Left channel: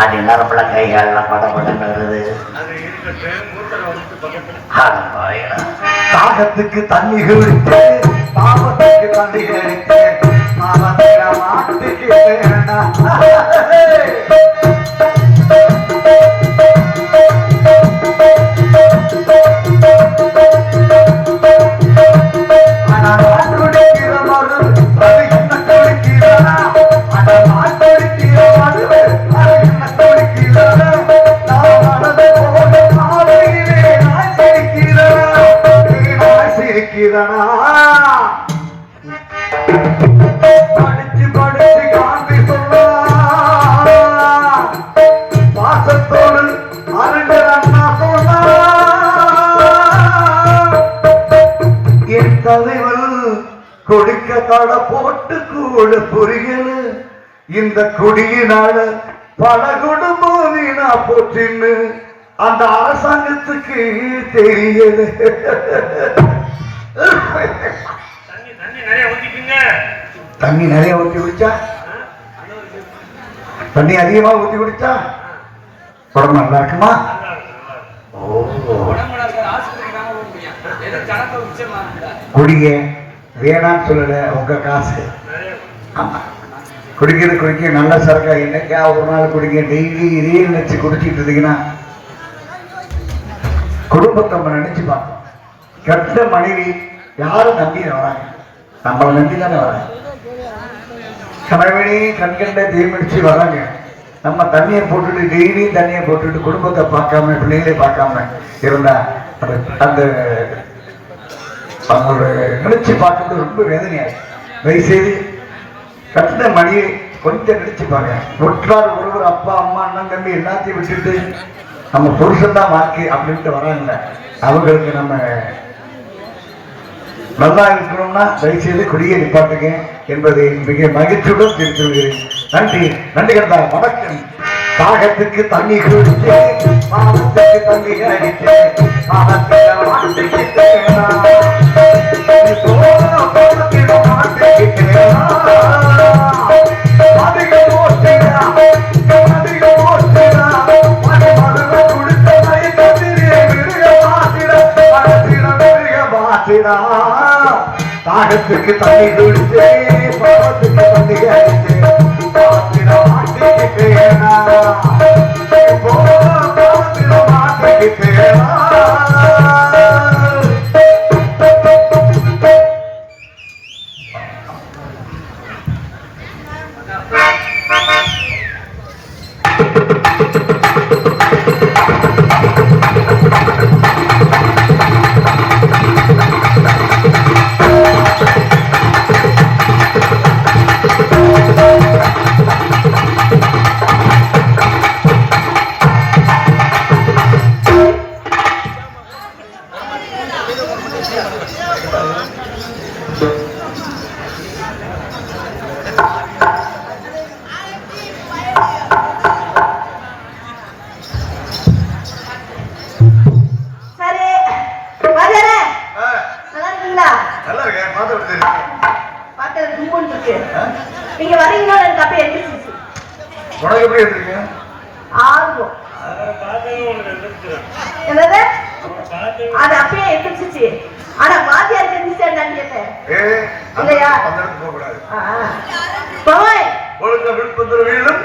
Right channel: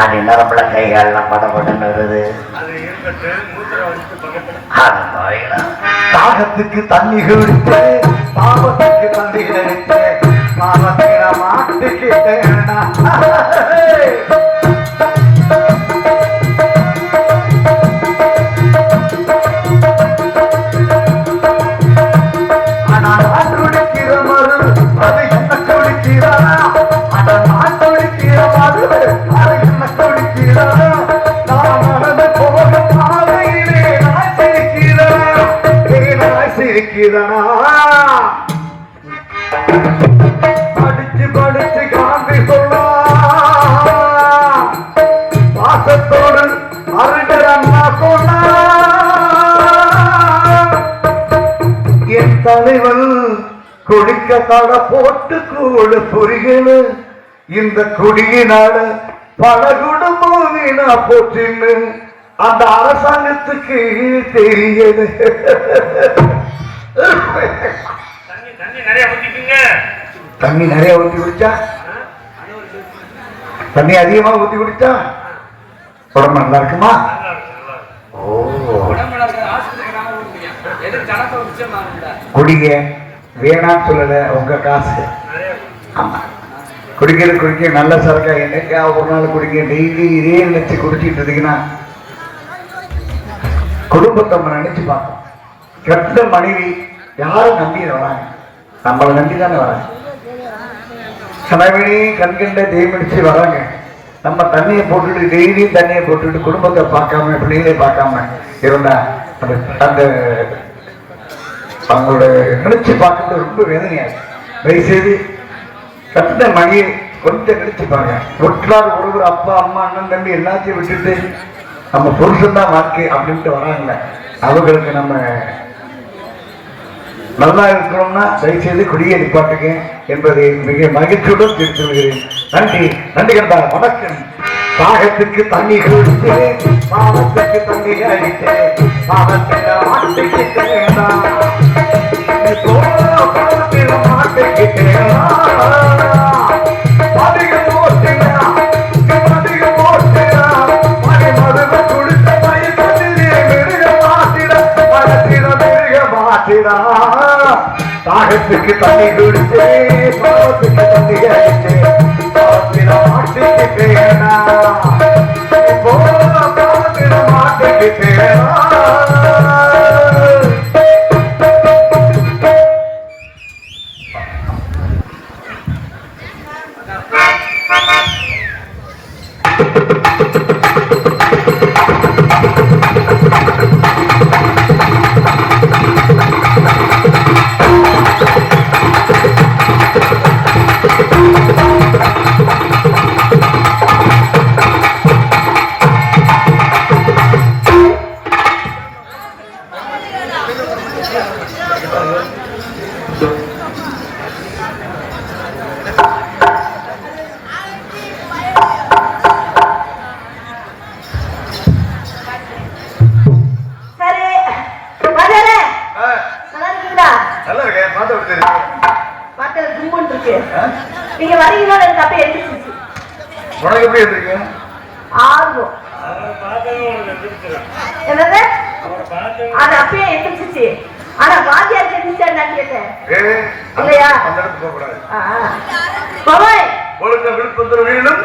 அது நரம்புல கைகாலெல்லாம் படப்படன்னு வருது. தாகத்துக்கு தண்ணி குடிச்சு பாவத்துக்கு தண்ணி அடிச்சு பாவத்தில மாட்டுக்கிட்டேன். படிச்சு படிச்சு காந்தி சொல்ல பாசத்தோடு அருகிறா சொல்ல என் தலைவன் குடிக்க தட போட்டு கூட புரிகல இந்த குடியினால பல குடும்பம் வீணா போச்சுன்னு அந்த அரசாங்கத்துக்கு தெரியல. தண்ணி நிறைய ஊற்றி குடிச்சா தண்ணி அதிகமா ஊற்றி குடிச்சா உடம்பு நல்லா இருக்குமா? குடிங்க வேணான்னு சொல்லல, உங்க காசு. ஆமா குடிக்க நல்ல சரக்கா என்னைக்கா ஒரு நாள் குடிங்க. டெய்லி இதே நினைச்சு குடிச்சிட்டு இருந்தீங்கன்னா குடும்பத்தை நினைச்சு பார்ப்போம். கெட்ட மனைவி யாரும் நம்பி வராங்க, நம்மளை நம்பி தானே வராங்க. கணவனே கண்கண்ட தேய்மடிச்சு வராங்க. நம்ம தண்ணியை போட்டுட்டு டெய்லியும் தண்ணியை போட்டுட்டு குடும்பத்தை பார்க்காம பிள்ளைகளை பார்க்காம இருந்தா அந்த அவங்களோட நினைச்சு பார்க்கறது ரொம்ப வேதனையாகும். தயவுசெய்து கட்ட மணியை கொஞ்சம் நினைச்சு பாருங்க. ஒற்றார் ஒருவர் அப்பா அம்மா அண்ணன் தம்பி எல்லாத்தையும் விட்டுட்டு நம்ம புருஷன் தான் வாழ்க்கை அப்படின்ட்டு வராங்க. அவங்களுக்கு நம்ம நல்லா இருக்கணும்னா தயவுசெய்து குடியை நிப்பாட்டுங்க என்பதை மிக மகிழ்ச்சியுடன் தெரிவித்துள்ளேன். நன்றி நன்றி கண்டா வணக்கம். தாகத்துக்கு தண்ணி குடிச்சு பாவத்துக்கு தண்ணி அடிச்சு தாகத்துக்கு தண்ணி குடிச்சு பாவத்துக்கு தண்ணி அடிச்சு பாவத்தில மாட்டிக்கிட்டேனா பாவத்தில மாட்டிக்கிட்டேனா. நீங்க வரீங்களா? எனக்கு அப்ப எழுதிச்சு உனக்கு எப்படி இருக்கு? ஆர்வம் என்னது அது அப்பயே எழுதிச்சு. ஆனா வாத்தியார் தெரிஞ்சுட்டான்னு கேட்டேன். இல்லையா பவாய் ஒழுக்கம் விழுப்பம் தரும் வீழும்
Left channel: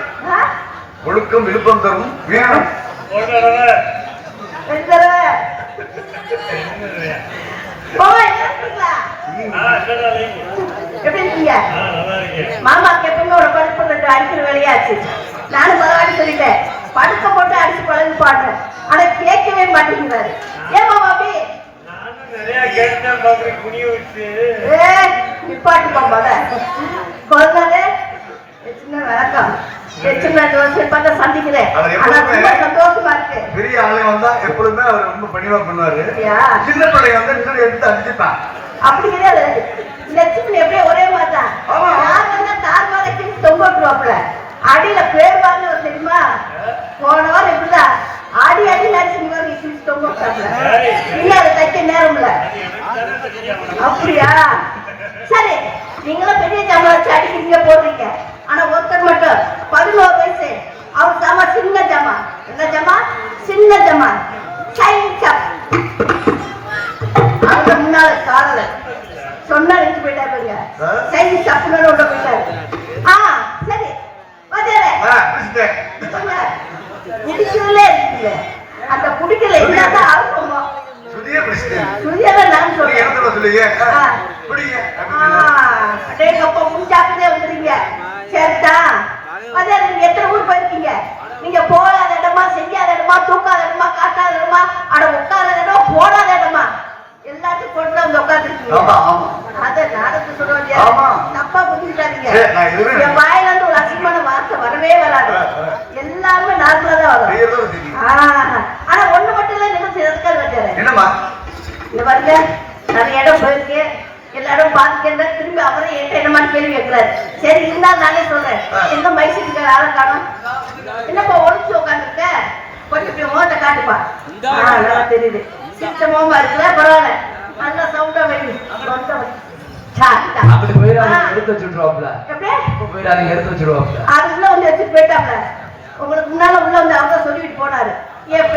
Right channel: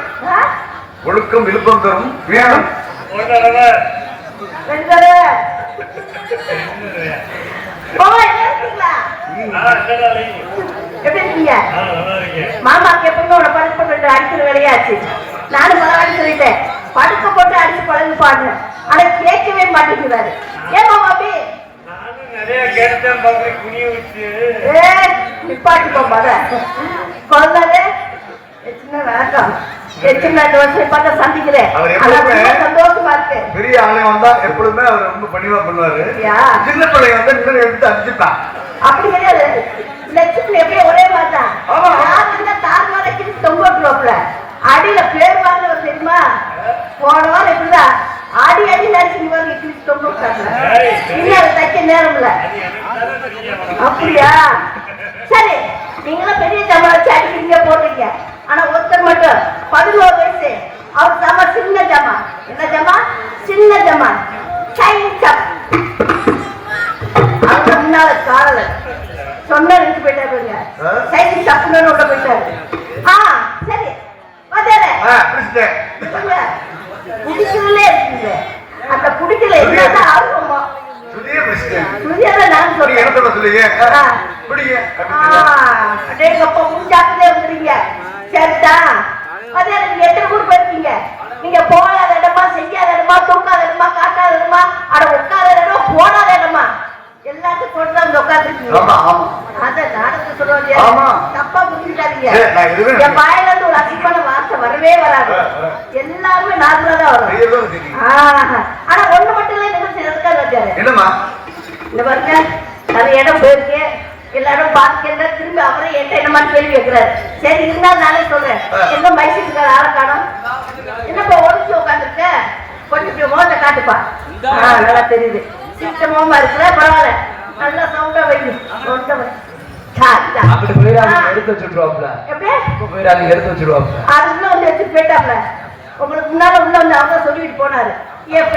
ஒழுக்கம் விழுப்பம் தரும் வீழும் எப்படி இருக்கீங்க? மாமாக்கு எப்பவுமே ஒரு படுத்த போட்டு அடிக்கிற வேலையாச்சு. நானும் பரவாயில்ல சொல்லிட்டேன், படுத்த போட்டு அடிச்சு பழகு பாடுறேன். ஆனா கேட்கவே மாட்டேங்கிறாரு. ஏன் மாமா அப்படி நிப்பாட்டுப்பா கொள்ளது சின்ன வணக்கம் சந்திக்கிறேன். சந்தோஷமா இருக்கு. பெரிய ஆலயம் வந்தா எப்பொழுதுமே அவர் ரொம்ப பணிவா பண்ணுவாரு. சின்ன பிள்ளைங்க வந்து நின்று எடுத்து அடிச்சுட்டான். அப்படி கிடையாது, லட்சுமி எப்படியும் ஒரே மாதிரிதான். யார் வந்தா தார் வரைக்கு தொங்கல அடியில பேர் வாங்க தெரியுமா? போன வாரம் எப்படிதான் ஆடி அடி நடிச்சு தொங்க தைக்க நேரம் இல்ல. அப்படியா? சரி, நீங்களும் பெரிய சம்பளம் வச்சு அடிக்கிறீங்க போடுறீங்க. ஆனா ஒருத்தர் மட்டும் 11 வயசு, அவர் சம சின்ன தெரியாதம்மா சைன்ஸ் அப் அங்க முன்னால காரல சொன்ன நினைச்சு போயிட்டா பாருங்க சைன்ஸ் அப்னு ஒன்று போயிட்டாரு சரி வந்தாரு குடிக்கிறதுலே இருக்குங்க அந்த குடிக்கல என்னதான் ஆர்வமோ சுதியதான் நான் சொல்றேன் அப்ப மூஞ்சாக்குதே வந்துருங்க சரிதான் அதே நீங்க எத்தனை ஊர் போயிருக்கீங்க நீங்க போகாத இடமா செய்யாத இடமா தூக்காத இடமா காட்டாத இடமா அட உட்காத இடம் போடாத இடமா எல்லாத்தையும் கொண்டு வந்து உட்காந்துருக்கீங்க அத நாடகத்தை சொல்றோம் தப்பா புரிஞ்சுக்காதீங்க என் வாயில இருந்து ஒரு அசிங்கமான வார்த்தை வரவே வராது எல்லாருமே நார்மலா தான் வரும் ஆனா ஒண்ணு மட்டும் இல்ல என்ன செய்யறதுக்காக வச்சாரு இந்த பாருங்க நிறைய இடம் போயிருக்கு எல்லா இடம் பார்த்துக்க திரும்பி அவரே என்ன கேள்வி வைக்கிறாரு சரி இருந்தாலும் நானே சொல்றேன் என்ன மைசூருக்கு ஆளை காணும் என்னப்பா ஒழிச்சு உட்காந்துருக்க கொஞ்சம் முகத்தை காட்டுப்பா நல்லா தெரியுது சித்தமா இருக்கிற பரவாயில்ல நல்லா சவுண்டா வைங்க உங்களுக்கு முன்னால உள்ள வந்து அவர் சொல்லிட்டு போனாரு என்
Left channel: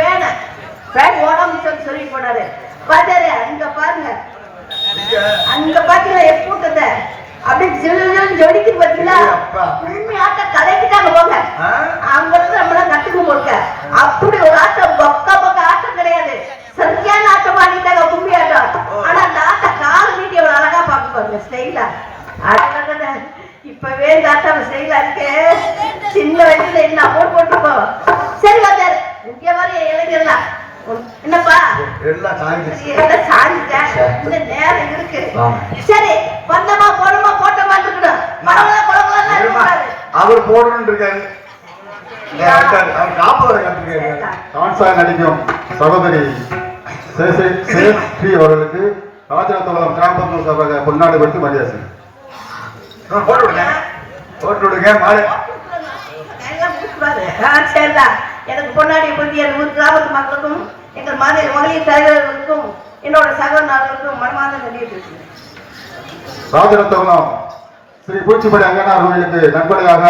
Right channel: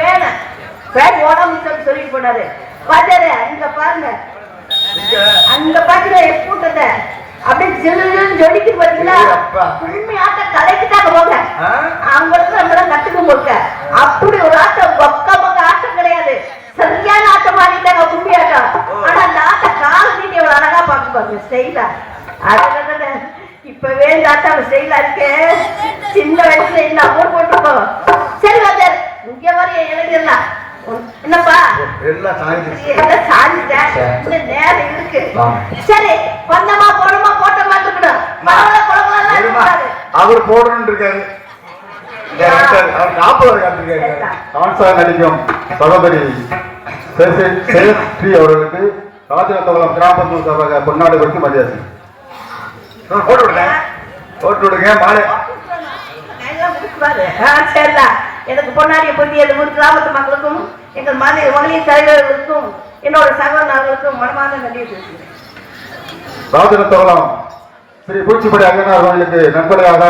பேன் ஓடாம சொல்லிட்டு போனாரு பாத்தாரு இங்க பாருங்க அந்த பாத்தீங்களா எப்பூட்டத்தை அப்படியே ஜில்லுன்னு ஜொலிக்கு பாத்தீங்களா கும்மி ஆட்டம் கலைக்குதாங்க போங்க அவங்களுக்கு நம்மளாம் கட்டுக்கு போக்க அப்படி ஒரு ஆட்டம் பக்க ஆட்டம் கிடையாது சரியான ஆட்டம் ஆடிட்டாங்க கும்மி ஆட்டம் ஆனா அந்த ஆட்டம் கால நீட்டி எவ்வளவு அழகா பாக்க பாருங்க ஸ்டைலா அது இப்பவே இந்த ஆட்டம் ஸ்டைலா இருக்கு சின்ன வயசுல என்ன அமௌண்ட் போட்டுருக்கோம் சரி வந்தாரு இங்க வரைய இளைஞர்லாம் என்னப்பா இந்த நேரம் இருக்கு சரி வந்தமா போனமா போட்டமா இருக்கணும் அவர் போடணும் இருக்காரு நடிக்கும் சகோதரி ஸ்ரீ அவர்களுக்கு ராஜரத்தவளம் கிராம பொன்னாடு கொடுத்து மரியாதை போட்டு விடுங்க மாலை எனக்கு பொன்னாடிய பொந்திய கிராமத்து மக்களுக்கும் எங்கள் மகளிர் தலைவர்களுக்கும் என்னோட சகோதரர்களுக்கும் மனமார்ந்த நன்றியை பேசுகிறேன். ராஜரத்தவளம் ஸ்ரீ பூச்சிப்படி அய்யனார் கோயிலுக்கு நண்பர்களாக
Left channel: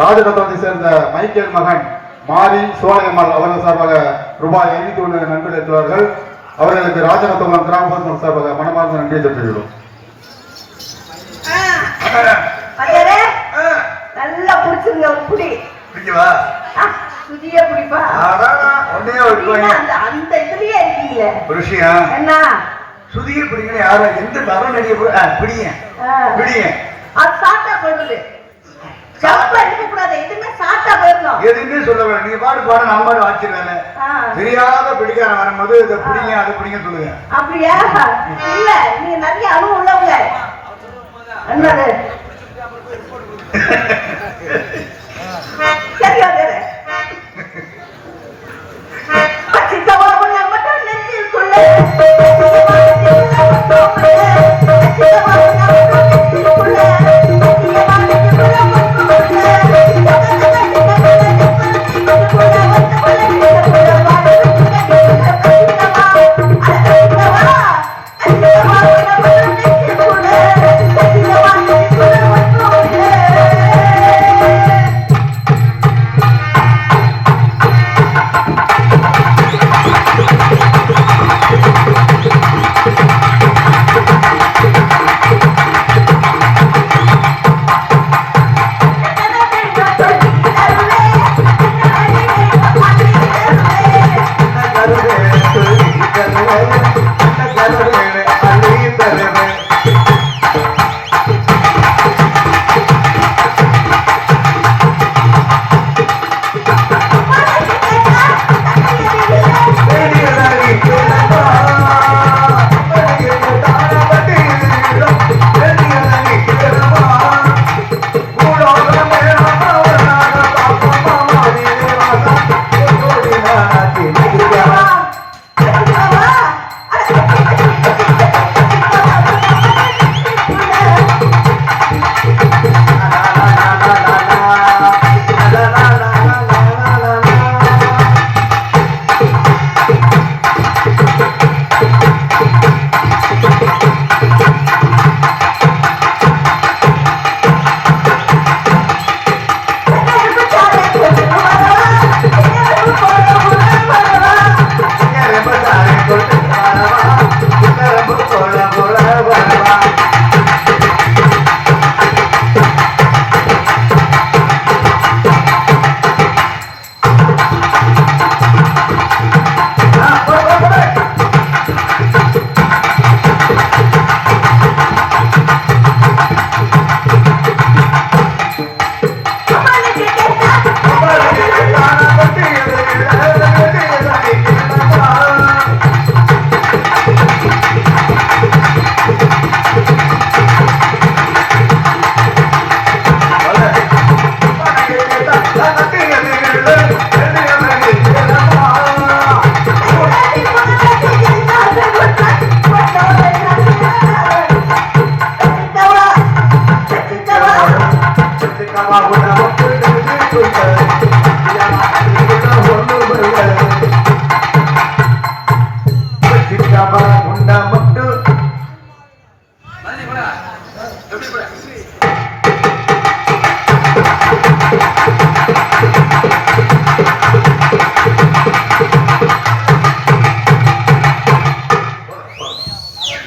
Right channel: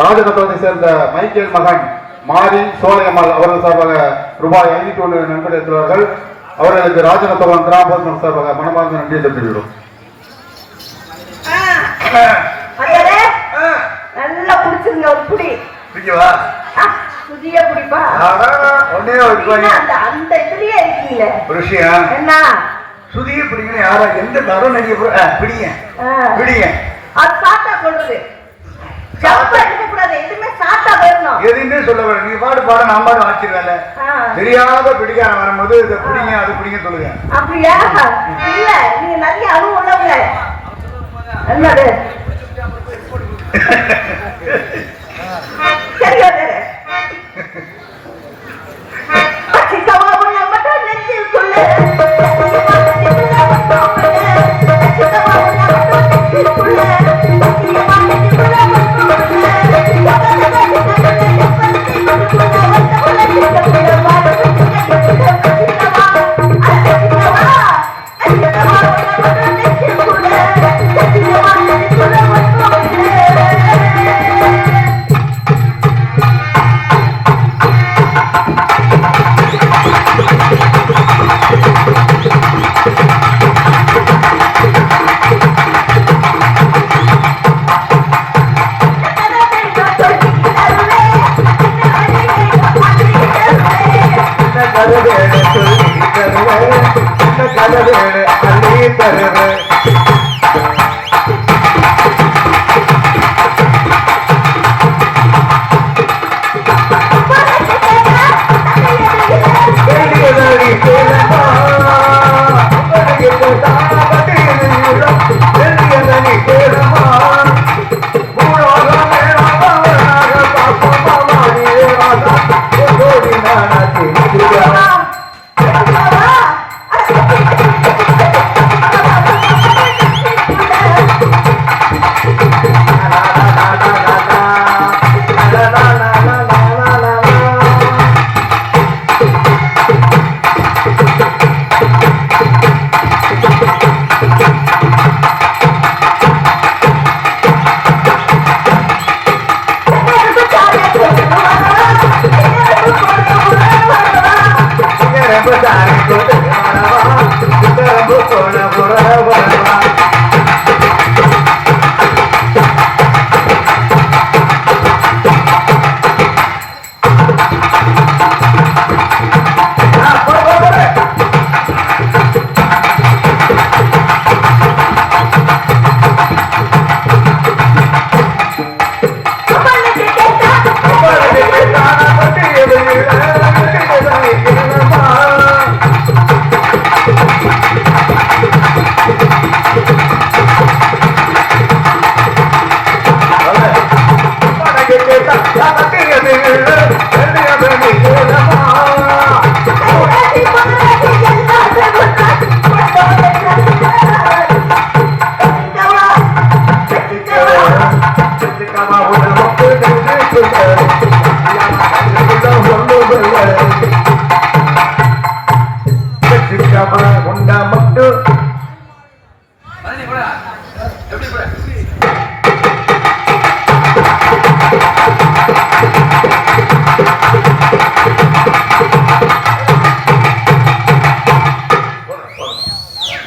ராஜரத்தவத்தை சேர்ந்த மைக்கேல் மகன் மாரி சோழையம்மாள் அவர்கள் சார்பாக ரூபாய் 51 நன்கொடை எடுத்துள்ளார்கள். அவர்களுக்கு ராஜரத்தவளம் கிராம பொதுமக்கள் சார்பாக மனமார்ந்த நன்றியை தெரிவிக்கிறோம். நல்லா பிடிச்சிருங்க ஒரு புடி சுதிய பிடிப்பா அந்த இதுலயே இருக்கீங்க என்ன சுதிய பிடிக்கணும் யாரா எந்த தரம் நடிக பிடிங்க பிடிங்க அது சாட்டா சொல்றது ஜப்பா எடுக்க கூடாது எதுவுமே சாட்டா வரணும் எதுவுமே சொல்ல வேணும் நீ பாடு பாட நான் பாடு ஆச்சிருந்தால தெரியாத பிடிக்கார வரும்போது இதை பிடிங்க அதை பிடிங்க சொல்லுங்க அப்படியா இல்ல நீங்க நிறைய அனுபவம் உள்ளவங்க என்னது சரியா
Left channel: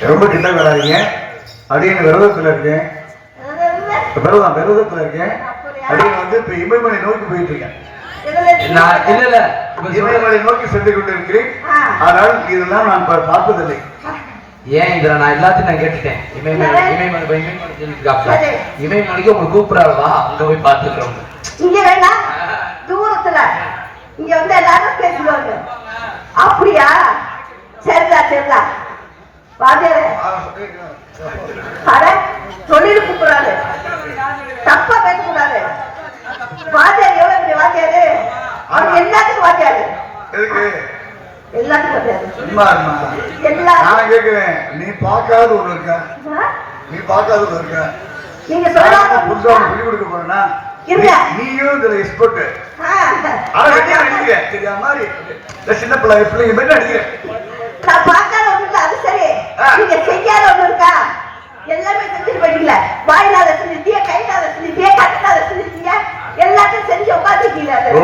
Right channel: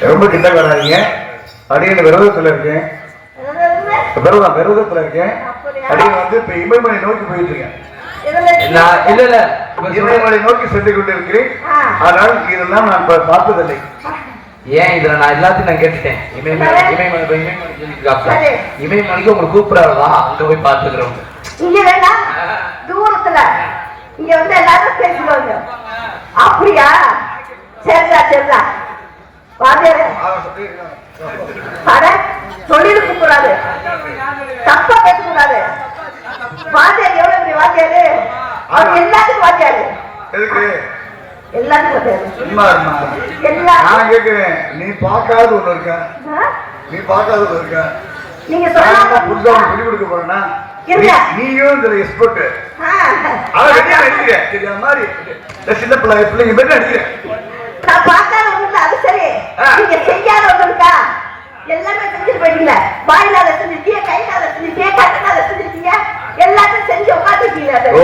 ரொம்ப கிட்ட வராதிங்க. அடியன் விரதத்துல இருக்கேன். விரதத்துல இருக்கேன். அடியன் வந்து இப்ப இமயமலை நோக்கி போயிட்டு இருக்கேன். இல்ல இமயமலை நோக்கி சென்று கொண்டு இருக்கிறேன். ஆனால் இதெல்லாம் நான் பார்த்ததில்லை. ஏன் இதுல நான் எல்லாத்தையும் நான் கேட்டுட்டேன். இமயமலைக்கு உங்களுக்கு கூப்பிடாதா? அங்க போய் பாத்துக்கிறோம். இங்க வேணா தூரத்துல இங்க வந்து எல்லாரும் பேசுவாங்க. அப்படியா? சரிதா சரிதா. வாத்தியாரு அட சொல்லிருக்க கூடாது, தப்பா பேசக்கூடாது. வாத்தியார் எவ்வளவு பெரிய வாத்தியாரு, அவர் எல்லாத்துக்கும் வாத்தியாரு, எல்லாத்துக்கும் வாத்தியாரு. நான் கேட்கிறேன், நீ பார்க்காத ஒண்ணு இருக்க, நீ பார்க்காத ஒண்ணு இருக்க. நீங்க சொல்ல புதுசா சொல்லி கொடுக்க போறேன்னா நீயும் இதுல எக்ஸ்பர்ட். ஆனா வெட்டியா நடிக்கிற தெரியாத மாதிரி சின்ன பிள்ளைங்க பேர் நடிக்கிறேன். நான் பார்க்காத ஒண்ணு அது சரி, நீங்க செய்யாத ஒண்ணு இருக்கா? எல்லாமே செஞ்சு போயிட்டீங்க. வாயிலாத செஞ்சிருக்கீங்க, கையிலாத செஞ்சிருக்கீங்க, கண்ணாத செஞ்சிருக்கீங்க, எல்லாத்தையும் செஞ்சு உட்காந்துருக்கீங்க. ஓ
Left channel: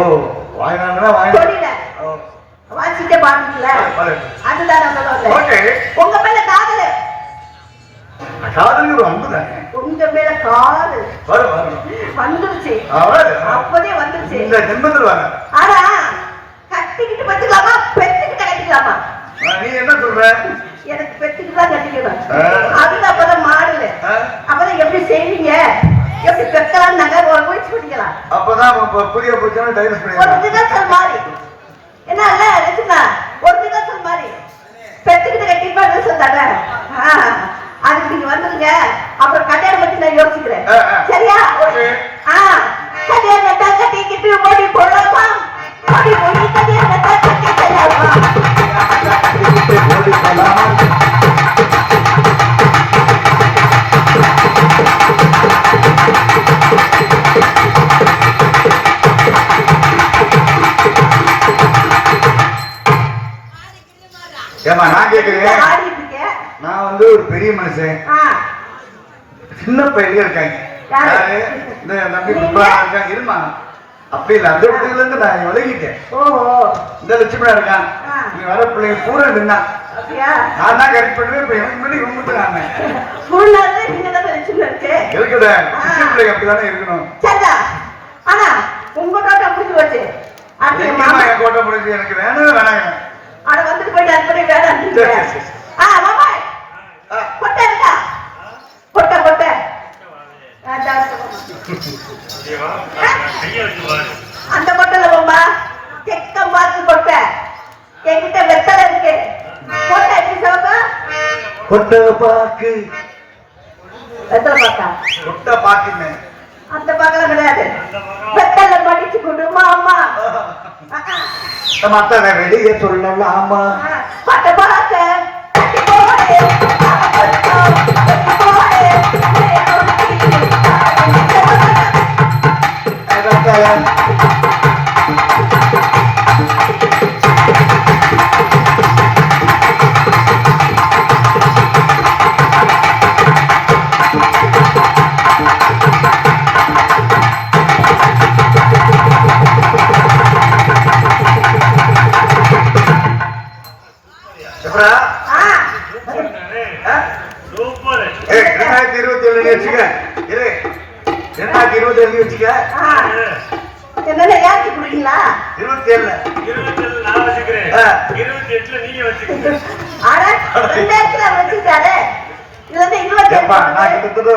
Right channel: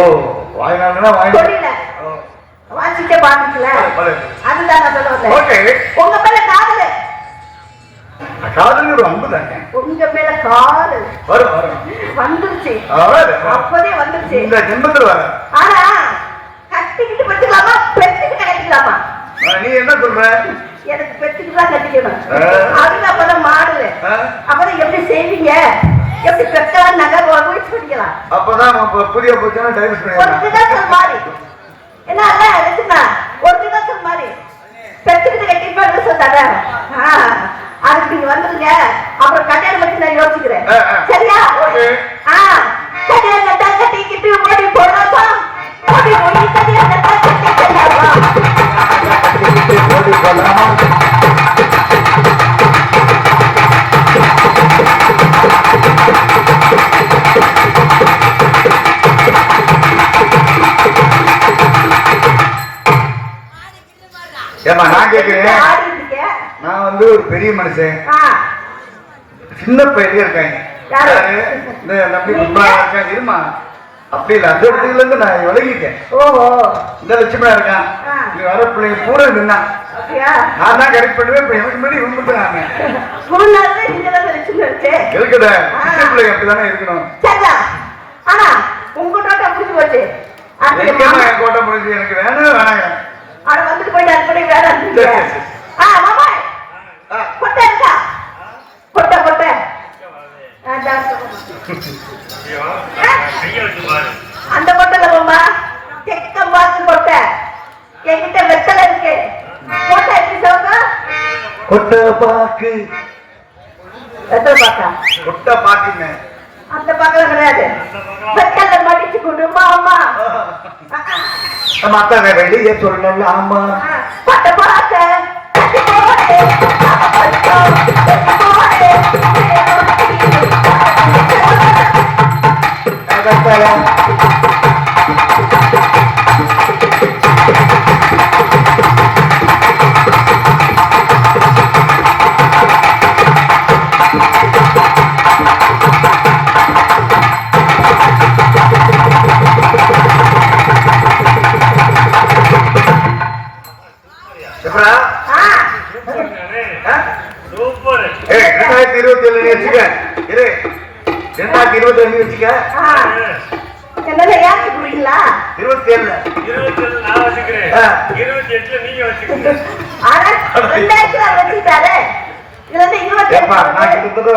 வாயிலானா வாயில வாசிட்டே பாத்துக்கல. அதுதான் நான் சொல்ல வந்தேன். உங்க மேல காதல், காதல் ஒரு அன்பு தானே. உங்க மேல காதல் வரும் வரும் வந்துருச்சு, அப்போதே வந்துருச்சு. இந்த ஜென்மத்துல ஆனா கட்டிக்கிட்டு பத்துக்கலாமா, பெற்றுக்கிட்டு கட்டிக்கலாமா? நீ என்ன சொல்ற? எனக்கு பெற்றுக்கிட்டு தான் கட்டிக்கணும். அதுக்கு அப்பதான் மாடல, அப்பதான் எப்படி செய்வீங்க, எப்படி பெற்றாலும் நகை முயற்சி பண்ணிக்கலாம். அப்பதான் புதிய புத்தகம் டைவர்ஸ் ஒரு பண்ணிடலாம். தினசல் மாதிரி என்ன இல்ல எடுத்துனா ஒரு தினசல் மாதிரி பெற்றுக்கிட்டு கட்டிப்பா சொன்னாங்க. அதுக்கு நீங்க வந்துருங்க, அப்புறம் கல்யாணம் பத்தி நான் யோசிக்கிறேன். சரியா? கல்யாணம் கட்டா கட்டிக்கிட்டு ஓடி போடலாம், ஓடி போய் கல்யாணம் கட்டா கட்டிக்கலாம். ஏமா நான் கேட்கிறேன், நான் வந்து ஒரு பெரிய மனுஷன், சின்ன பையன் இருக்காங்க, இந்த நம்பி இருக்காங்க, இருமா அப்படி இல்லை. அந்த இடத்துல இருந்து நான் விலகிட்டேன். ஓஹோ, இந்த லட்சுமணா இருக்கான், நீ வர பிள்ளைங்க பூரா நின்னா நான் தான் கரெக்ட் பண்ணுவேன். இப்ப எனக்கு முன்னாடி இவங்க நாம இருக்கட பிள்ளைங்க அப்படிதானே இருக்கணும். ஆனா உங்க தோட்டம் முடிஞ்சு போச்சு, என் கோட்டை முடிஞ்சு எனக்கு வேணும் வேணாங்க. அட வந்துட்டு போயிட்டு அப்படி வேணாம். கொட்டை இருக்கா? கொட்டை கொட்டை அந்த கொட்டைல போமா, தெக்கம் பார்த்து கொட்டை என்கிட்ட வெத்தலை இருக்கு. கொட்டை எப்படி சொல்லுங்க? கொட்டை பாக்கு, வெத்தலை பாக்கா? கொட்டை பாக்குமே அந்த பக்கம் கிடையாது, வெத்தலை மடிச்சு கொடுமா அம்மா. மத்த வெளியே சொல்லல. ஆமா பட்ட பாக்க என்னென்ன ஏற்றி குடிங்களா? 27 நான் வச்சுக்கிறேன், 28 நீங்க வச்சுக்கோங்க. ஆனா 2000 வச்சுட்டாரு. இது வந்து 27 நான் கிட்டத்தட்ட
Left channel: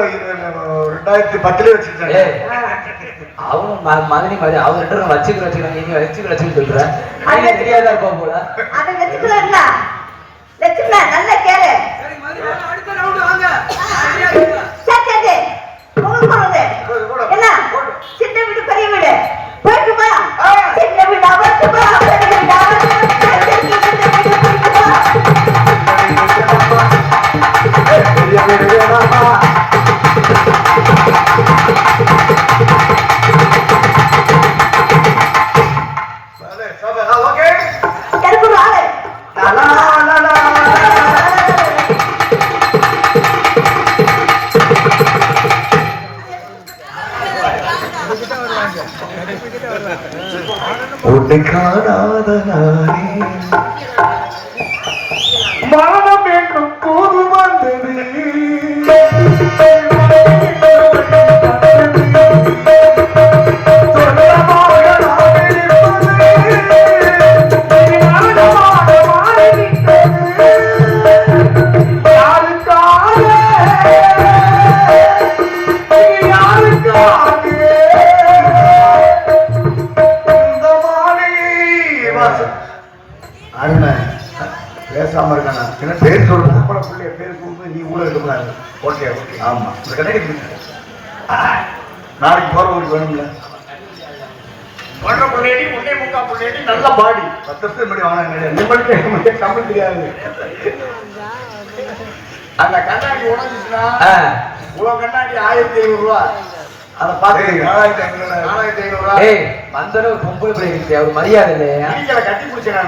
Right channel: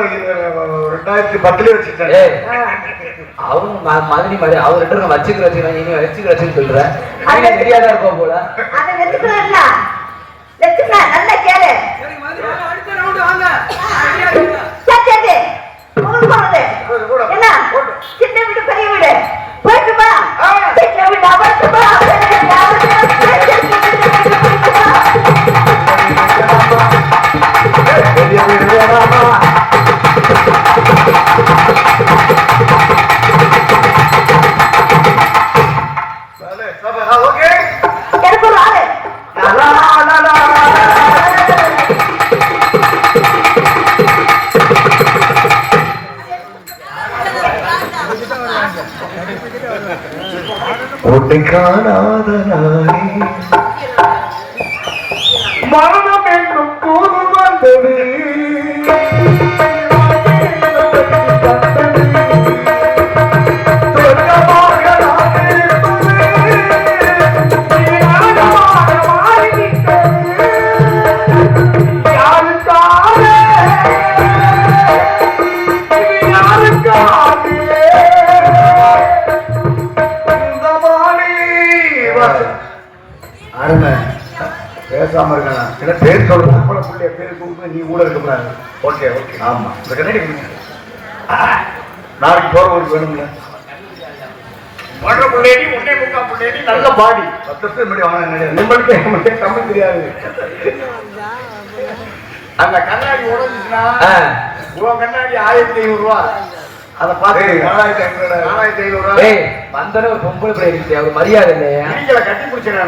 2010 வச்சுட்டேன். அவங்க மதுரை மாதிரி அவர் ரெண்டு வச்சுக்கிறேன், இனி வச்சுக்கிறேன்னு சொல்றேன். தெரியாதா இருக்கும் போல. அதை வச்சுக்கிறா வச்சுக்கா, நல்ல கேளு. சரி உங்களுக்கு போறது என்ன? சின்ன வீடு பெரிய வீடு போயிட்டு உன்னை காணாத நானே மரணம் என்றும் தூது வந்தது பேசாம இருக்கானா பேர் சொல்லுங்க பிள்ளைய பேர் கொடுத்து நீ கூட இருக்கக்கூடாது. ஓகே ஓகே ஆமா இந்த கண்ணாடி நாளைக்கு போறவங்களுக்கு வேணும்ல நல்ல பாடி 10 வருஷம் முன்னாடி வாங்கினேன் உங்களுக்கு தமிழ் தெரியாது. அந்த கண்ணாடி உடஞ்சுன்னா உன் கண்ணாடி 1500 ரூபா. அதை பார்த்து 4500 ரூபா. வந்தாலும் ஒரு பொம்பளை பிள்ளை ஒரு மரியாதை இல்லையா கட்டி பிடிச்சேன்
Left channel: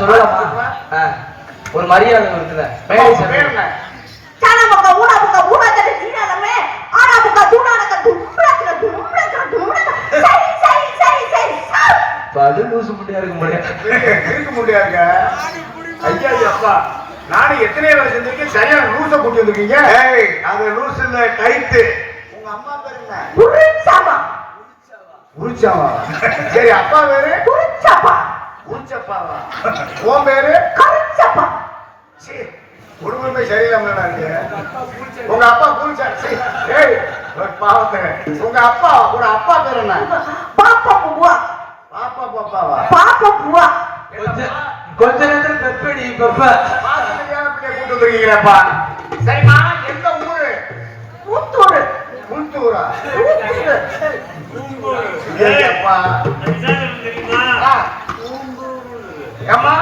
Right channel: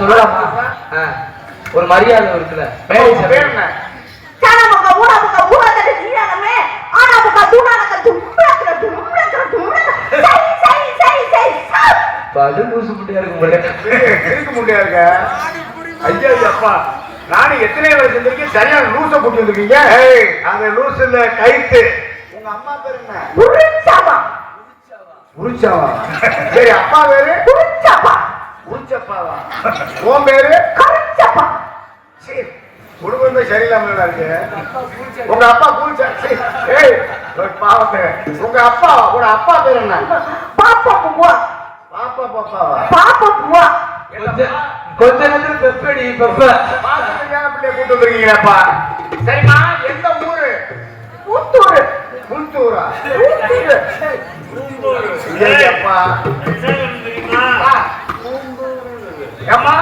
சொல்லலாம். ஒரு மரியாதை இருக்குல்ல. நானும் எத்தனை வருஷம் செஞ்சிருக்கேன். சரியான லூச கூட்டி வந்திருக்கீங்க. அந்த லூஸ் இல்ல டைட்டு. உங்க அம்மா பேரு என்ன? உரிச்சாவா? சரி அப்பா பேரு உரிச்சப்பா. உரிச்சப்பாவா? உன் பேரு கரிச்சப்பா. சரி குடும்பமே சரியில்லாம இருக்கு. உங்க அப்பா கூச்சா? ஏய் பாவத்தை. உங்க அப்பா பேரு என்ன? பாப்பா புவா. பாப்பா பாப்பாவா? பாப்பா புவா. கொஞ்ச நேரத்துல பெப்படி பெப்ப பிள்ளைய கூட்டு வந்துருக்கீங்கப்பா. சரிம்மா எந்த ஊரு? புத்தூர். புத்தூரா? அப்பா ஏம்மா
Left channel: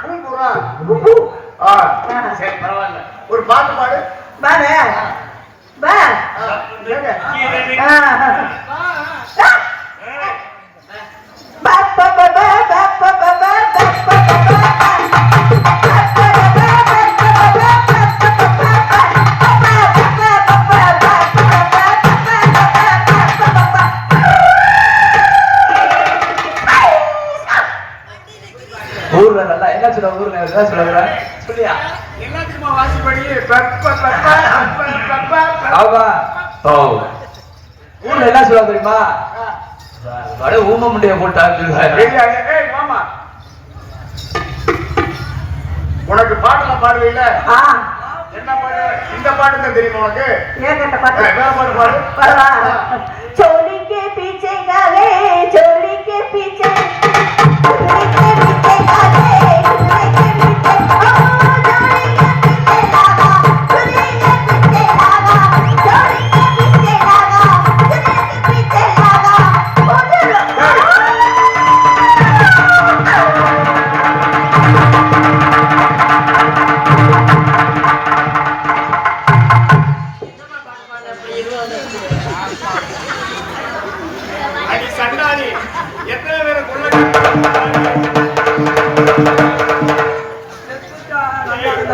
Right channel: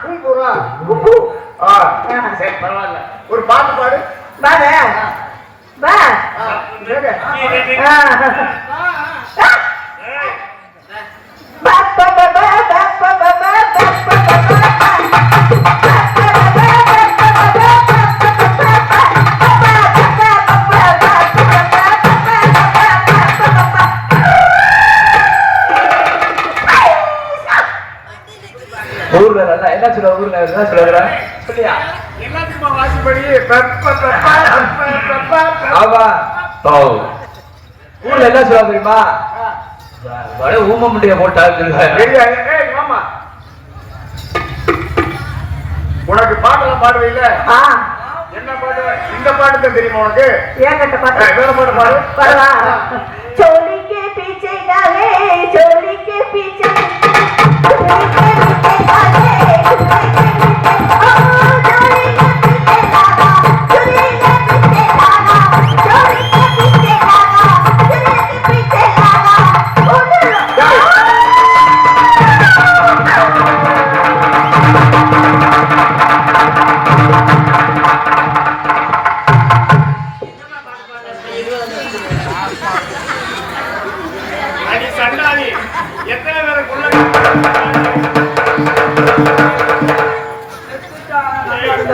பூம்பூரா? சரி பரவாயில்ல. ஒரு பாட்டு பாடு. ஊர்ல நல்லா என்ன சொல்ல ஊர்ல என்ன சொல்லுறா சொல்லியா எல்லாத்துக்குமா வாசிப்படி ஆமா ஊர்ல என்ன சொல்ல தெரியுமா ஊம முட்டைய போட்டா ஆமா. உனக்கு பாட்டெல்லாம் பாடுவீங்கள? என்ன பாடு? இந்த பாட்டு தான் தெரியுமா உனக்கு? ஏகட்ட பாட்டு. வேற பாட்டு பாடு. பரவா चोली के पीछे डाले चोली के पीछे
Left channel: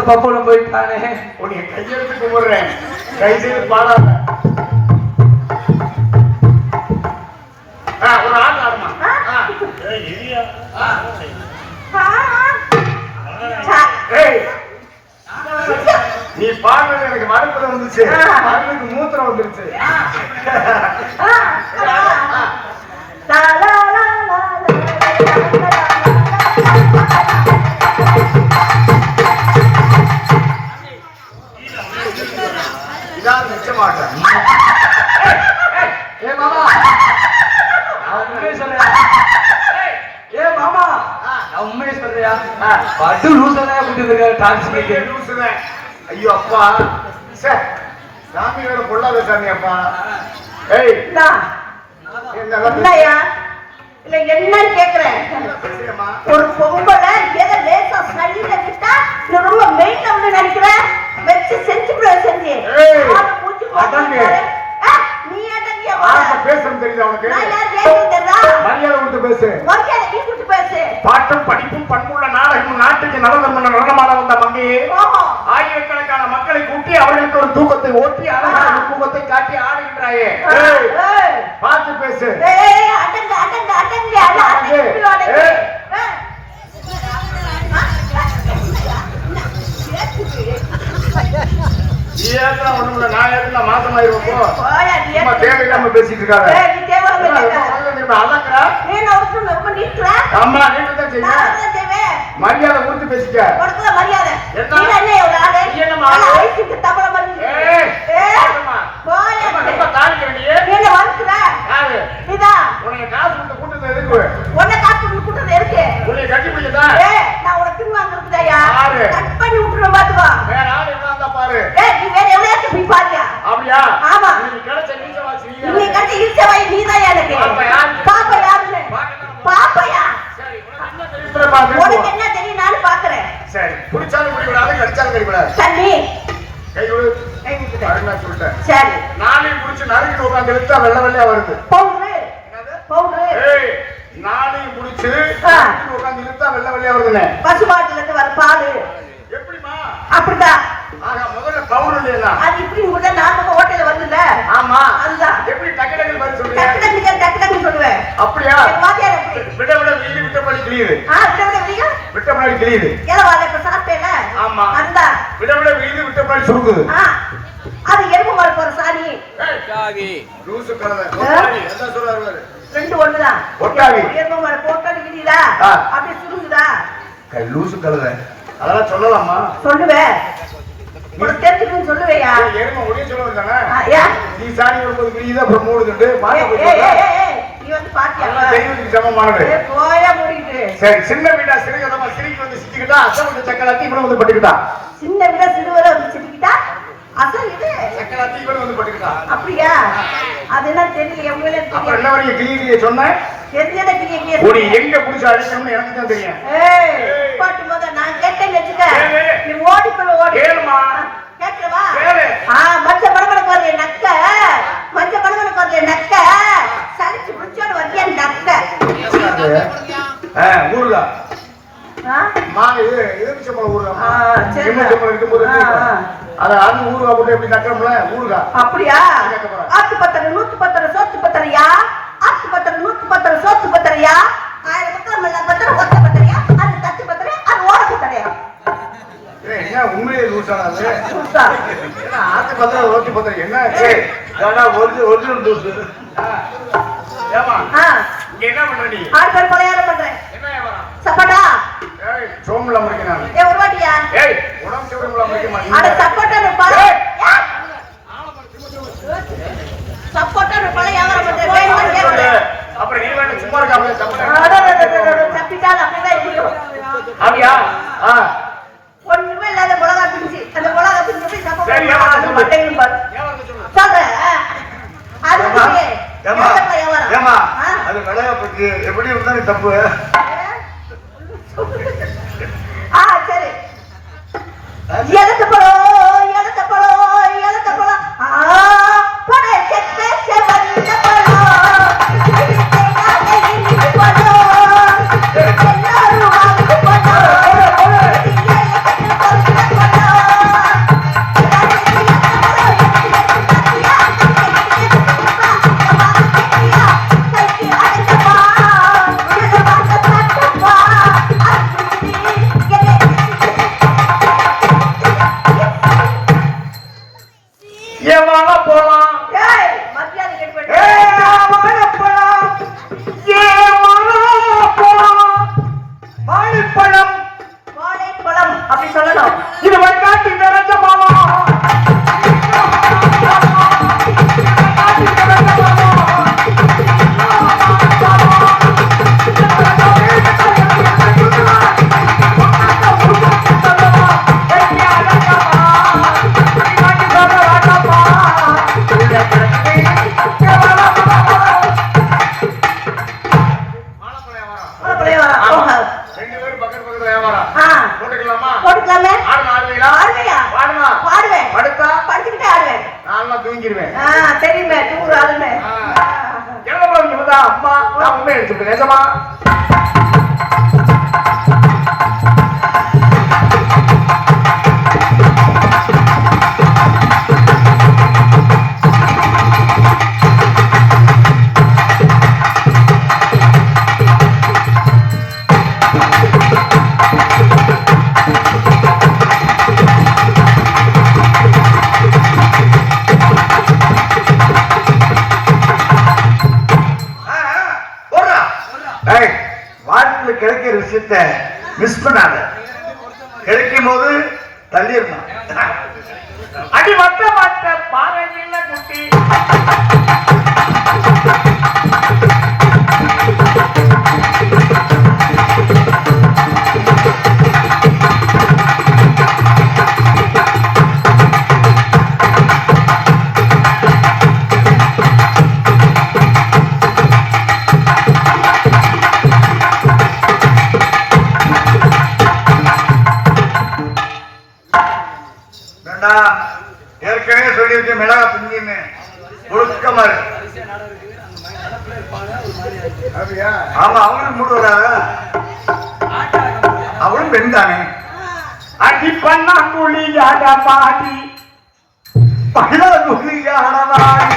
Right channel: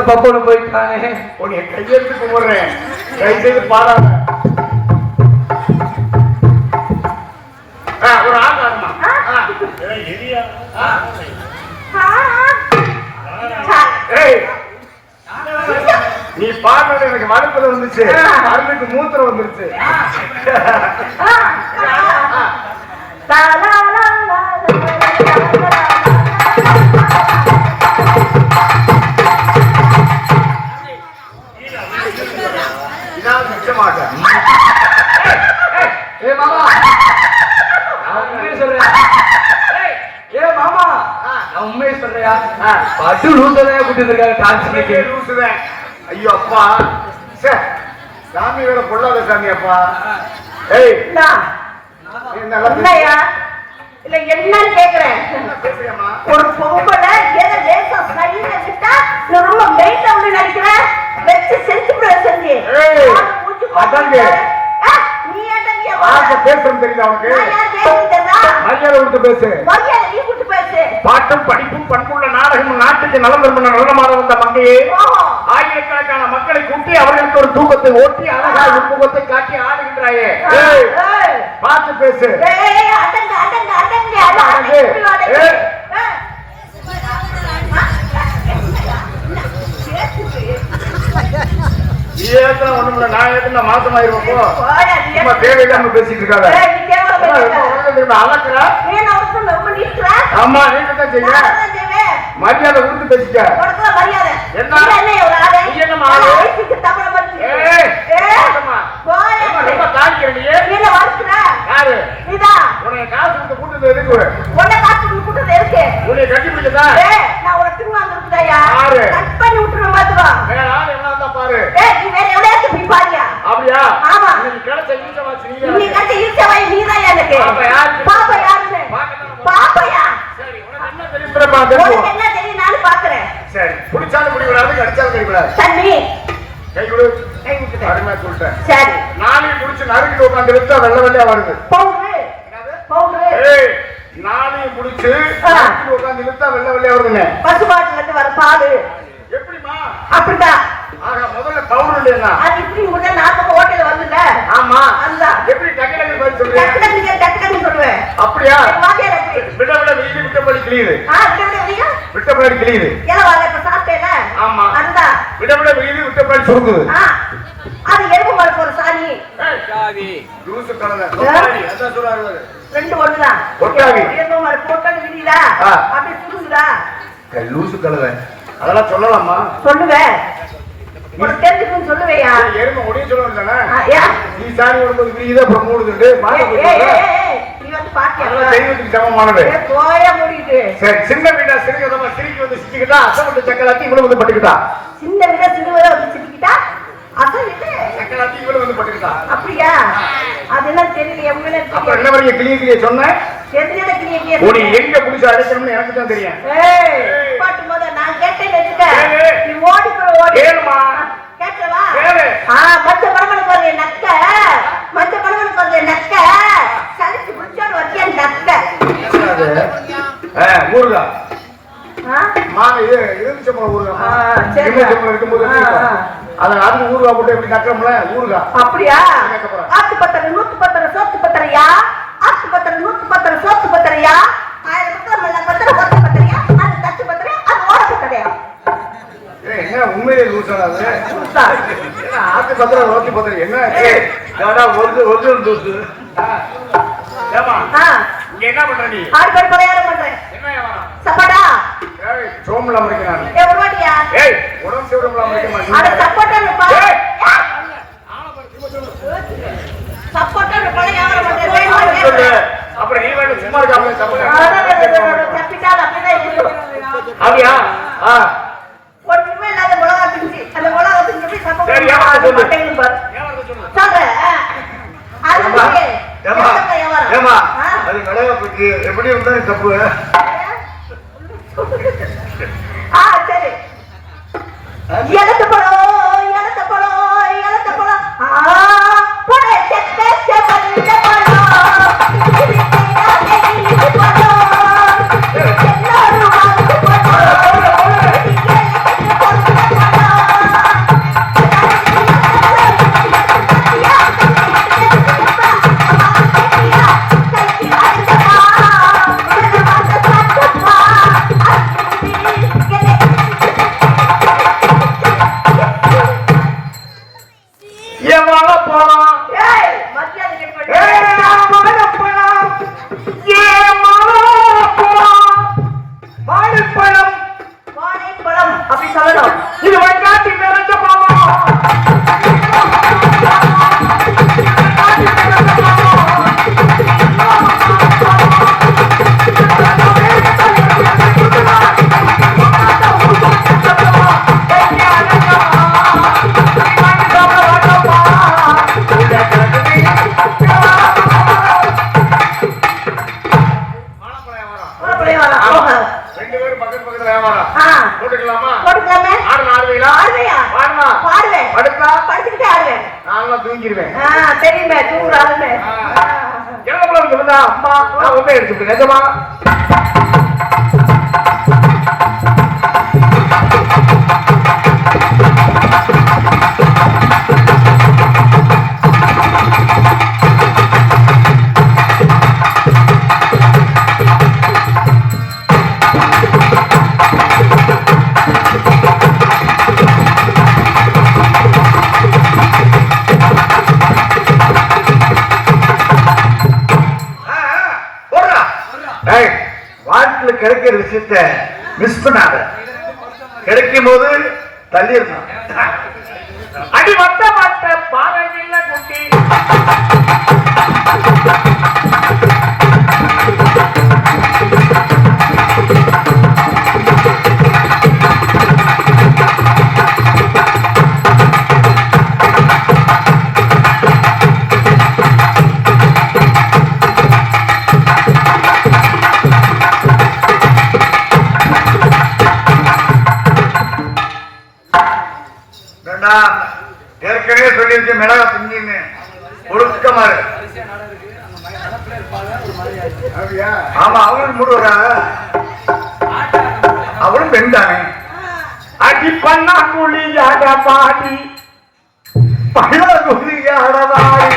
பப்போடு போயிட்டானே. உன்னை கையெழுத்து கும்பிடுறேன். கை செய்து பாடாத. ஒரு ஆள் ஆடுமா? நீ பாடுறது எனக்கு மனத்துல வந்துச்சு. அருளுக்கு மூத்திரம் வந்துருச்சு. இதான் நிச்சயமாட்டேன். ஏ மாமா உண்மையை சொல்றியா? ஏ மாமா நான் உண்மையை சொல்றியா? பட்டு லூசதான் கூட்டு இருக்க டான்ஸ். ஐயோ அப்பா சாமியோட பொல்லாத சாமி அப்பா. ஏய் என்னையா இல்ல என்னன்னு கேக்குறேன். ஒரு பொம்பளை ஏதோ லேசா சரியில விட்டா ரொம்ப மெயின்ல வந்து நடிக்கிறேன். வச்சு செஞ்சு செஞ்சு நீ பேசுறது தெரியுது அவனுக்கு. மரியாதை கொடுத்து பேசு. நீ கொடுத்து பேசு. பாட்டும் படிப்பும் பண்புள்ள நாடகமும் நாட்டுக்கு நலம் நடனமாக வந்த மங்கையே ஆயிரக்கணக்கான மக்களை கூட்டி அவர்களுக்கு ஒரு தூக்கத்தை ஓட்டி அழகாக தூக்கத்தை காட்டி ஆடுகின்றாயே. பார்த்து பேசு. ஏய் அடங்க அடங்க அடங்க அடங்கு. அடங்க ஏய். நீ ஏற்கனவே ஒண்ணும் இல்ல, நான் ஏற்கனவே மாசமாயிருவோம் போ. சும்மா தேவையில்லாம பேசிட்டு இருக்காத. அளக்குறா? ஆமா, நீட்டுதான் செய்ய. மரியாதை கொடுத்து பேசிக்க. என்ன? நீ என்னம்மா? ஏய், ஏம்மா? ரொம்ப தாழ்க்கிற நீ. யாரு? உனக்கு காசு கொடுத்து கூட்டத்தை எதுக்கு? உன்னை கட்டி பிடிக்கதா? யாரு? வேற ஆள் என்ன இருந்தா பாரு. அப்படியா? ஆமா. இன்னைக்கு கிடைச்ச ஈச வாசி நீ. நீ கட்டி இழுச்சவை நீதான் எனக்கு. பாப்பா யாரு? பாப்பா யாருன்னு? பாப்பாயா? சரி, உனக்கு என்ன தெரியுதுப்பா? பேசு. உனக்கு என்ன தெரியும் நானும் பாக்குறேன். சரி, பிடிச்சாலும் பிடிக்கூடாது, கடிச்சாலும் கடிக்கூடாது. தண்ணி கை விடு. கை விட்டுட்டேன். அருமையா சொல்லிட்டேன். சரி. நாளை பிடிச்சு நறுக்கிட்டு உட்காந்து எடுத்தா வெள்ளை வெள்ளையா வருது. பவுடரு பவுடரு ஏய், நாளை பிடிச்சு நறுக்கிட்டு உட்காந்து எடுத்தா வெள்ளை வெள்ளையா வருதுன்னு. பசுமாட்டுல இருந்து வர பால் எப்படிமா? அப்படிதான். ஆக முதல்ல பவுடர் இல்லையா? அது இப்படி உள்ள நாக்கு ஹோட்டல்ல வருதுல்ல. ஆமா. அதுதான். எப்படி டக்கு டக்கு மாதிரி சொல்றீங்க? டக்குனு சொல்லுவேன். அப்படியா? வாத்தியார் எப்படி? விட விட வீதி விட்டபடி கிளியுது. விட விட்டபடி கிளியுது. ஏலவாத இப்ப சாப்பிட்டேல. ஆமா. அதுதான். விட விட வீதி விட்டபடி சுருக்குது. அது எறும்பு மார்க்கு ஒரு சாணி. சாவி. ஜூஸ் கலந்த. சாணி அதான் சொல்றாரு அவரு. ரெண்டு ஒண்ணுதான். ஒட்டாவி. எறும்பு மார்க்கு போட்டது விதிதா? அப்படியே சுருங்குதா? லூசு கலவை. அதெல்லாம் சொல்லலாமா? சொல்லுவேன். உனக்கு தெரிஞ்சுக்குன்னு சொல்லுவேயா? எருமை ஒடிய சொல்லுவது தானே? ஏன்? நீ சாணி ஒடுக்கிறது விரியுதா, அப்புறம் மூடுதுண்டு மாட்ட போட்டுருக்க. நீ வந்து பாத்தியா? அதெல்லாம் தெய்வத்துக்கு சமமானது. போயா முடியுது. சரி, சின்ன வீடா சிறுகதமா சிரிக்கி வந்து சிரிக்கிட்டா, அசல் வந்து சக்கராத்தி இவ்வளவு வந்து பட்டுக்கிட்டா. சின்ன விட சிறுவரை வந்து சிரிக்கிட்டா அசல் இது சக்கராத்தி இவ்வளவு வந்து பட்டுக்கிட்டா. அப்படியா? அது என்ன தெரியல. எவ்வளவு அப்புறம் என்ன வரைக்கும் கிளிய சொன்னேன்? தெரிஞ்சத கிளிய ஒரு எங்க புடிச்சு அடிக்கணும்னு எனக்கு தான் தெரியும். பாட்டு போத நான் கேட்டேன்னு வச்சுக்க. நீ ஓடி போய் ஓடி கேளுமா? கேட்கவா? கேளு. மச்ச படபட பாரு நக்க. மச்ச படபட பாரு நக்க. சலிச்சு புடிச்சோட வத்தியா நக்க. ஊருகா. இது எலுமிச்சம்பழம் ஊருகா. எலுமிச்சம்பழம் இருக்கும்போது அது ஊருகா போட்டு எப்படி நக்கணும்ல ஊருகா. அப்படியா? ஆத்து பத்திரம் 110 சோத்து பத்திரையா? ஆத்து பத்திரம் 110 சோத்து பத்திரையா? 1000 பத்திரம் பத்திரம் ஒத்து பத்திரையா? அது தச்சு பத்திரையா? அது ஓட பத்திரையா? என்ன உண்மையிலே லூசானது? என்ன ஆத்து பத்திரம் ஓட்டி பத்திரம் என்ன? ஒரிஜினல் லூசு. ஏமா இங்க என்ன பண்ற நீ? ஆடு படையாரம் பண்றேன். என்ன சப்போட்டா? ஏய், சோம்பல முடிக்கணும். எவ்வளோடியா? ஏய், உடம்பு சோம்பல முடிக்கணும். அட சப்போட்டா நிப்பா. சப்போட்டா படையாரம் பண்றேன். போய் வாங்க. அப்புறம் நீ வந்து சும்மா இருக்காம சப்போட்டா. சப்பிட்டா அப்படிதான் இருக்கும். அப்படியா? ஒண்ணுமே இல்லாத மிளகா பிஞ்சு. அந்த மிளகா பிஞ்சு போய் சப்போட்டா. சரி, ஏமா சொல்லு. சொல்றேன். அது ஏமா அது மிளகாப்புக்கு எப்படி இருந்தாலும் தப்பு. சரி. எழுத்து பழம் பழ செத்த செவந்த பழம் அப்படி சொல்லணும். இது வைக்காட்டி நிறைஞ்ச பாவம். ரெண்டு பேரும் பக்கத்து பக்கத்துல வியாபாரம் போட்டுக்கலாமா? போட்டுக்கலாமே. ஆடுவீங்களா? பாடுவேன். அடுத்தா படிச்சுக்கிட்டே ஆடுவேன். நான் தூங்கிடுவேன். தெரியுமே தூங்குறாதுன்னு. எவ்வளவு இருந்தா அம்மா நான் ஒண்ணே எடுத்துக்கிட்டேன். நிஜமா ஏய், வாழ்க்கையில கிடைக்கிற விஷயத்த மிஸ் பண்ணாத. கிடைக்கும் போது தள்ளிடணும். அடி வட்ட வட்ட பாறையில குட்டி வேண்டாம், ஏற்கனவே சொல்லியிருக்கேன் மிளகா பிஞ்சின்னு ஒழுக்கமா இரு. ஆமா, அவங்களும் முடுவராக, அவளும் பெண் தானே. அடி பண்ணா குழியாக பாடி பகிரகுதியாடவாய்.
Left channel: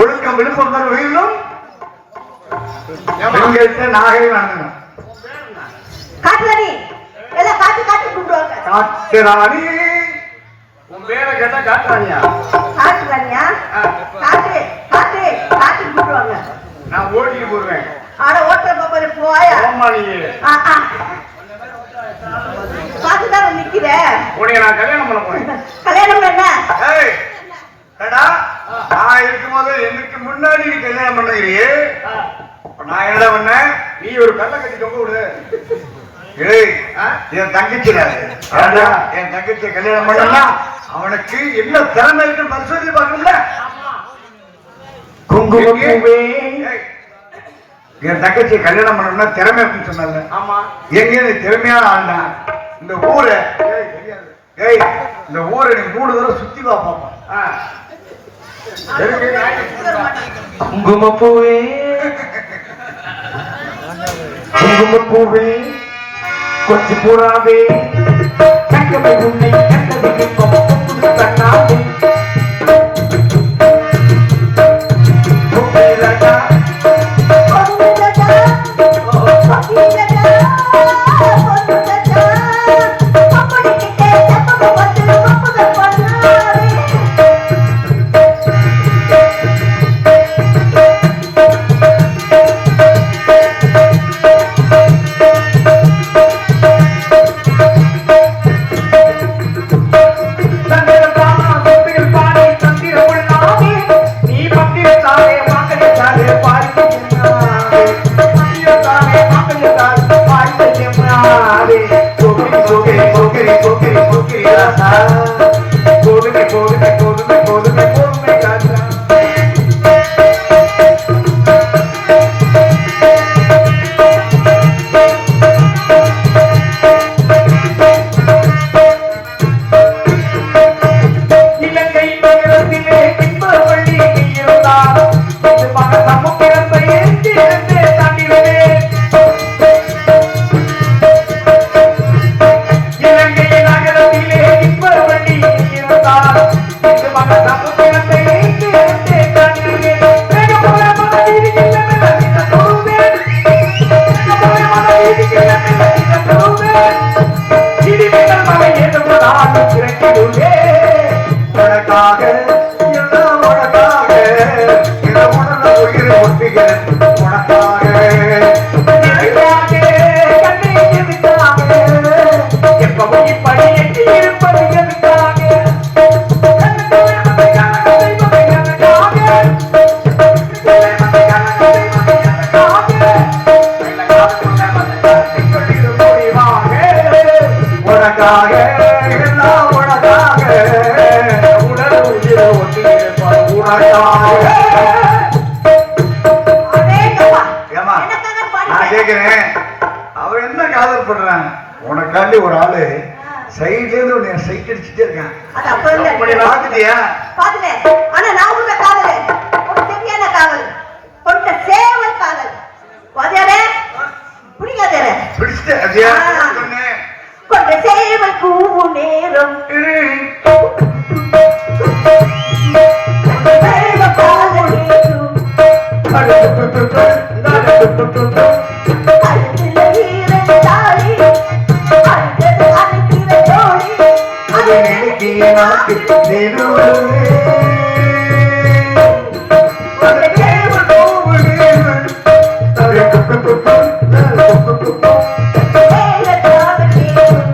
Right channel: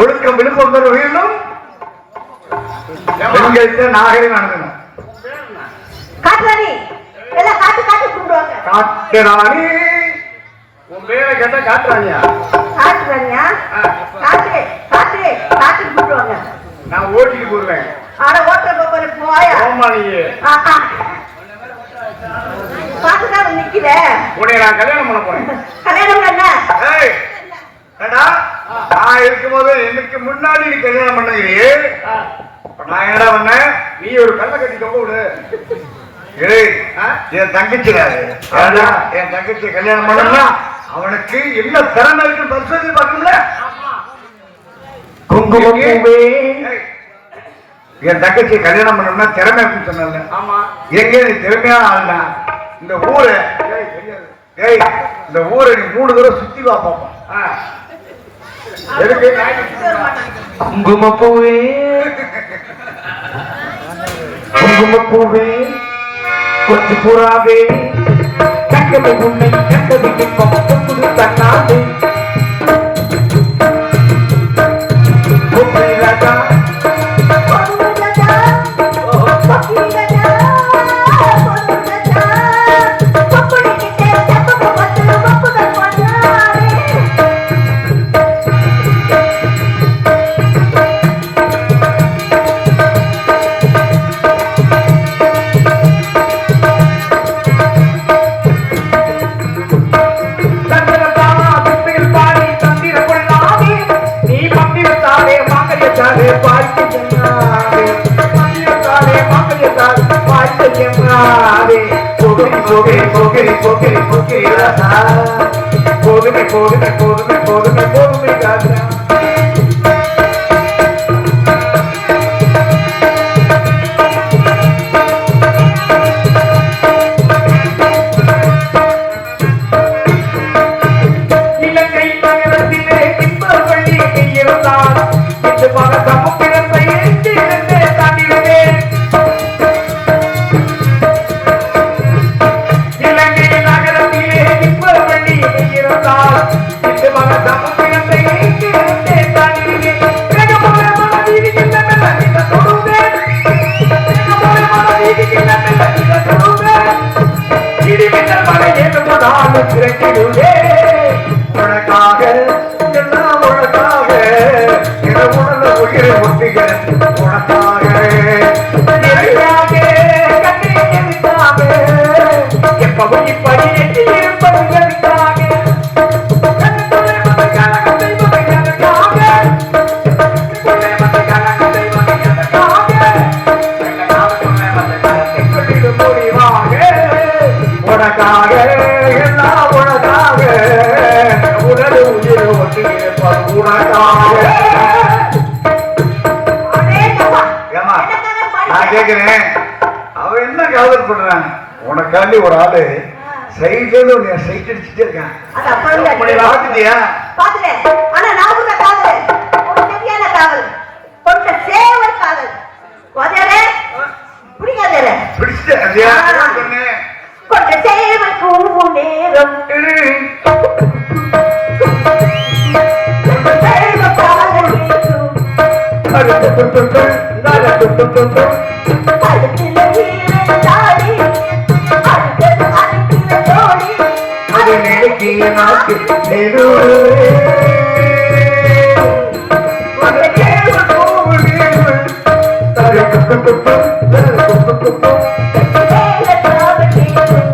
ஒழுக்கம் விழுப்பம் பெற வேண்டும். பெண்கள்கிட்ட நாகரிகம் நடக்கணும். காட்டுறாணி எல்லாம் காட்டு காட்டு கூப்பிடுவாங்க. காட்டுறாணி. உன் பேரை கேட்டா காட்டுறானியா? காட்டுறாணியா? காட்டு காட்டு காட்டு கூப்பிடுவாங்க. நான் ஓட்டிட்டு போடுவேன். ஆனா ஓட்டல் போற போயா ஆமா, நீ பார்த்துதான் நிக்கிற. உன்னை நான் கல்யாணம் பண்ண போறேன். கல்யாணம் பண்ண ஏய், ஏடா, நான் இருக்கும்போது எனக்கு முன்னாடி நீ கல்யாணம் பண்ணுறியே. நான் என்னடா பண்ணேன்? நீ ஒரு கல்லை கட்டி தொங்க விடு. ஏய், என் தங்கச்சி என் தங்கச்சி கல்யாணம் பண்ணா அவனுக்கு என்ன திறமை இருக்குன்னு பரிசோதனை பார்க்கணும்ல. குங்குமப்பூவே. ஏய், என் தங்கச்சி கல்யாணம் பண்ணணும்னா திறமை இருக்குன்னு சொன்னல. ஆமா, எங்க நீ திறமையா ஆனா இந்த ஊரை, ஏய், இந்த ஊரை நீ 3 தடவை சுத்தி வா பாப்போம். குங்குமப்பூவே, குங்குமப்பூவே, கொஞ்சம் புறாவே, கண்டது உண்மை கண்டது இன்பம் புது கண்ணாவே. பொம்மை ராஜா, தங்கரதா அடேங்கப்பா. ஏம்மா, எனக்காக நான் பாடுங்க. கேட்கிறேன் அவன் என்ன காதல் பண்றான் உனக்காண்டி ஒரு ஆளு சைட்ல இருந்து உன்னை சைட் அடிச்சுட்டே இருக்கான் அது அப்ப இல்ல. பாத்துட்டியா பாத்துட்டேன். ஆனா நான் கூட காதல். ஒரு சரியான காதல். கொண்ட சேவல் காதல். வதையடே. பிடிக்காதே. பிடிச்சிட்டு அப்படியா ஆ. பொண்ணு. கொண்ட சேவல் கூவும் நேரம். சேவல் காதல் வீசும். அடுத்துல வீரன் தாடி. அடுத்தது அணைக்கிற தோழி. அது நினைக்கிய நாக்கு நெருவே. கொண்ட சேவல் சேவல் காதல் வீசும்.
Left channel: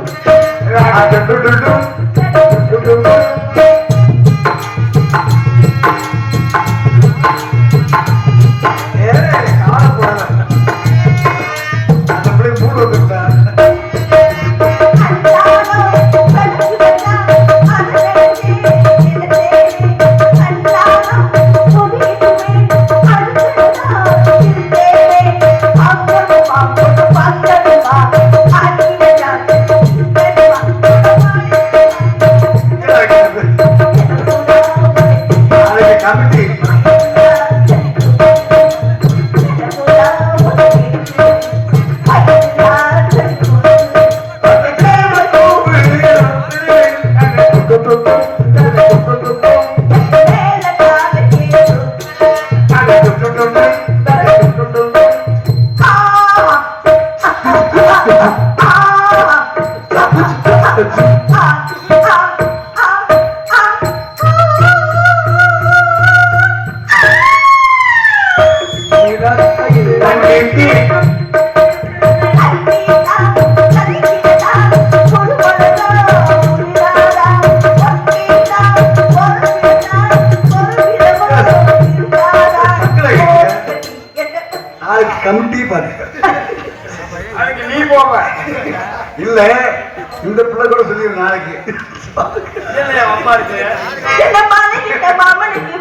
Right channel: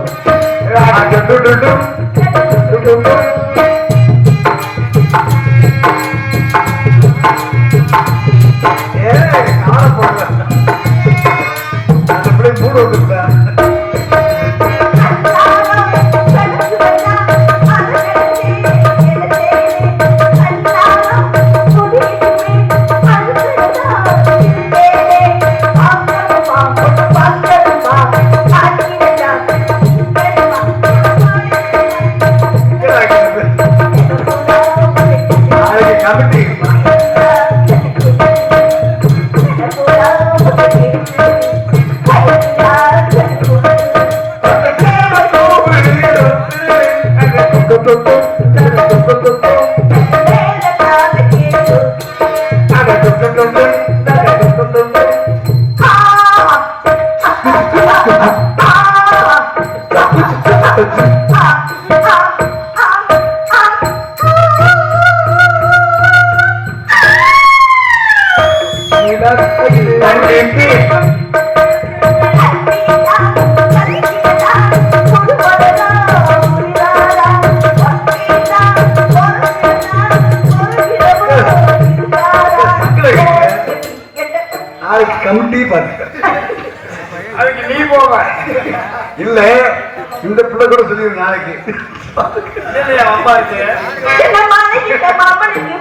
நாளைக்கு கமிட்டி பாருங்க அதுக்கு நீ போவ இல்ல இந்த பிள்ளை கூட சொல்லிடு நாளைக்கு இல்லையா அப்பா இருக்கு என்ன மாலையிட்ட மாமனுக்கு